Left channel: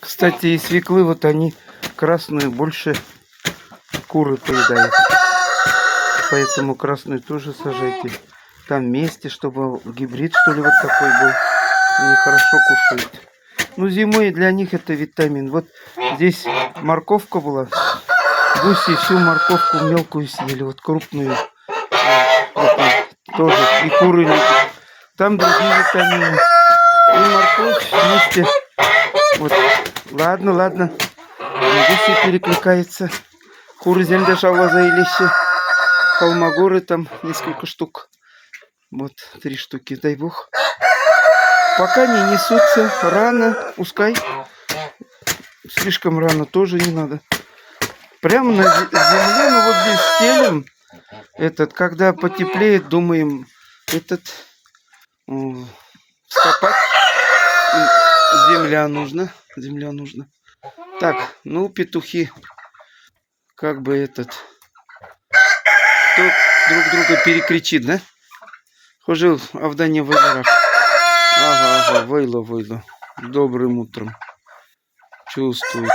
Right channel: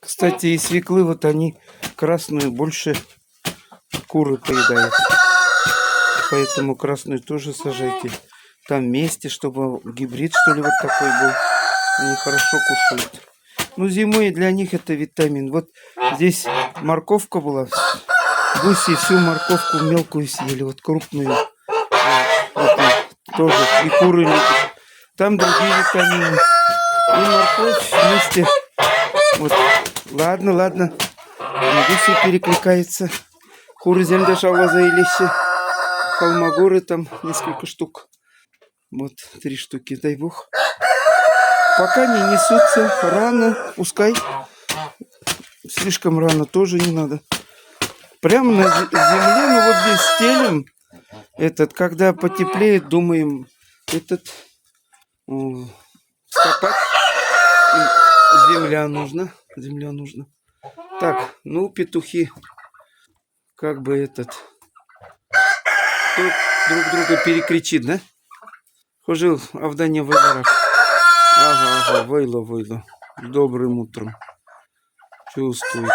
Кстати, и свеклы, вот они красную больше куры поедают. Поэтому красную тоже сажайте. Там вместе, чтобы гибрид, что ли, вот такой был. Они хорошо кушают. Ну, зимой для них это витамин. Вот здесь морковка была. Гуси всю морковку мелкую съели, вот крупную. Вот тоже. И куры любят. Там другие витамины. И морковь вместе. Вот. Ладно, ладно. Гуси перекликаются. Куры земля шалваза и лещи. Холмогоры там несколько штук. Вот 3 штуки, дай бог. Пока не несутся. Рано, пускай. Слишком рано тоже не надо. Прямо на земле, ну вот здесь стелим. Когда потеплеет, думаем, скопать. Земля нужна. Земля нужна. Так, ну, петухи. Как бы кто друг друга перекричит, да? Хожил Авдания Вайдарак. Ага, вайло. Добрым утром. Чувствует.